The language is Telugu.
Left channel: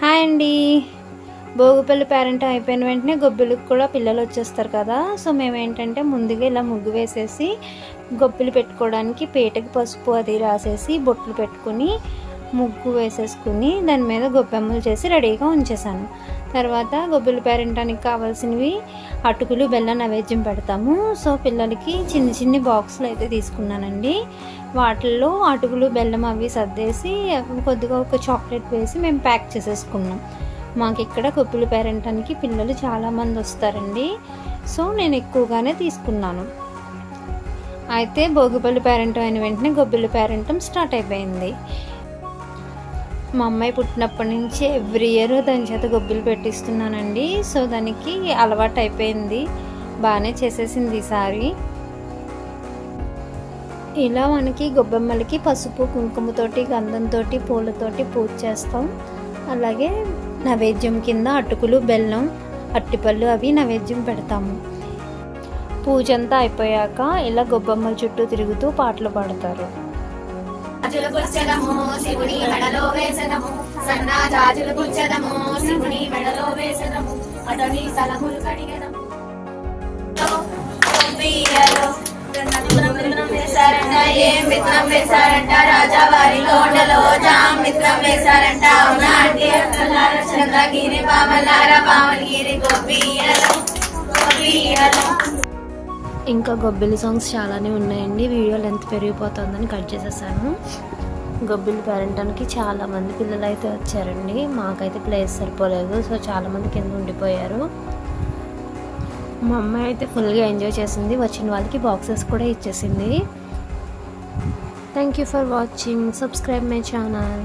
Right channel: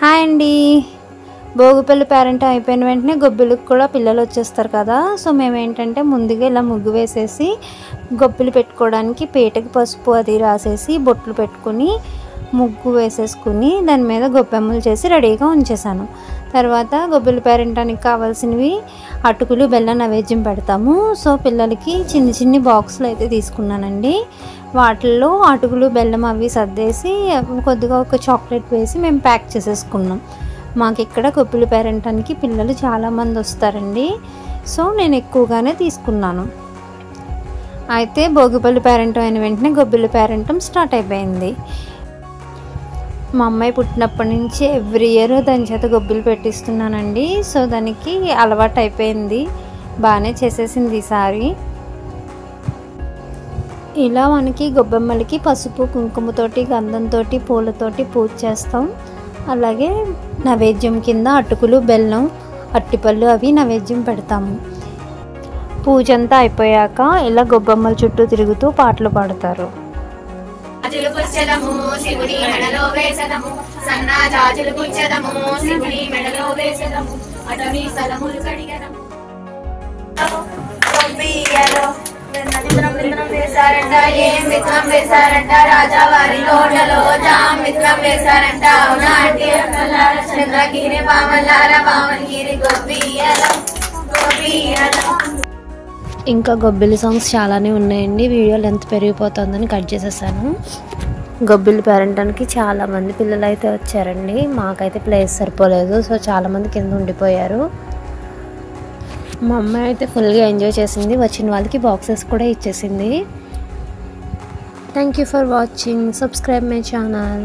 హాయ్ అండి. భోగిపల్లి పేరెంట్ అయిపోయిన వెంటనే గొబ్బిలకు కూడా పిల్లలు వచ్చేస్తారు కదా. సో మేము ఏంటంటే ముందుగా ఇలా ముగ్గు వేసేసి గొబ్బిలు పెట్టుకోవడానికి పీటకి పసుపు అది రాసేసి బొట్లు పెట్టుకుని ముగ్గు వేసేసుకుని దాని మీద గొబ్బెమ్మలు చేసి రెడీగా ఉంచేసాను. తర్వాత గొబ్బిలి పేరెంటానికి కావాల్సినవి అటుకులు బెల్లం నైవేద్యం పెడతాము. సో పిల్లలకి చిన్ని చిన్ని బాక్సులు అయితే తీసుకున్నానండి. వాటిల్లో అటుకులు బెల్లం అవి సర్దేసి కొద్దిగా ఒక చాక్లెట్ వేసి మేము ప్యాక్ చేసేసుకున్నాం. మాకు ఇక్కడ గొబ్బిలి పేరెంటానికి పిల్లలు చాలామంది వస్తారండి. సో నేను ఎక్కువగానే తీసుకున్నాను. అయితే భోగిపల్లి పేరెంటం అయిన వెంటనే గొబ్బిలి పేరెంటం స్టార్ట్ అయిపోయింది. మా అమ్మాయి పుట్టినప్పటి నుంచి ఎవ్రీ ఇయర్ దాని చేత గొబ్బిలు పెట్టిస్తున్నానండి. సో దానికి అలవాటు అయిపోయింది, బాగానే చేసేసింది ఈసారి. ఇలా మనకి గొబ్బెమ్మలకి పసుపు కుంకుమతోటి గంధంతో పూలతోటి పూజ చేస్తాం. అలాగే నైవేద్యం కింద అటుకులు బెల్లం అట్టిపళ్ళు అవి నైవేద్యం పెడతాము. పూజ అంతా అయిపోయాక ఇలా గొబ్బెమ్మల చుట్టూ తిరుగుతూ పాటలు పాడతారు. ఏం మిత్రం వేశారంట రాజావారి లోటలో జాం మిత్రం వేశారంట. అవునా అంటే చంద్రగిరి పామలార పామగిరి గొబ్బియలో గొబ్బియలో. ఇంకా గొబ్బిలి సాంగ్స్ చాలానే ఉన్నాయండి. వీడియో లెంత్ పెరిగిపోతుందని కట్ చేసేసాను. గొబ్బిలి పేరెంటానికి చాలామంది పిల్లలు అయితే వచ్చారండి. మాకైతే ప్లేస్ సరిపోలేదు, సో చాలామంది కింద ఉండిపోయారు. మా అమ్మాయి అయితే ఫుల్గా ఎంజాయ్ చేసింది. వచ్చిన వాళ్ళకి బాక్సెస్ కూడా ఇచ్చేసింది. Thank you for watching. Subscribe my channel.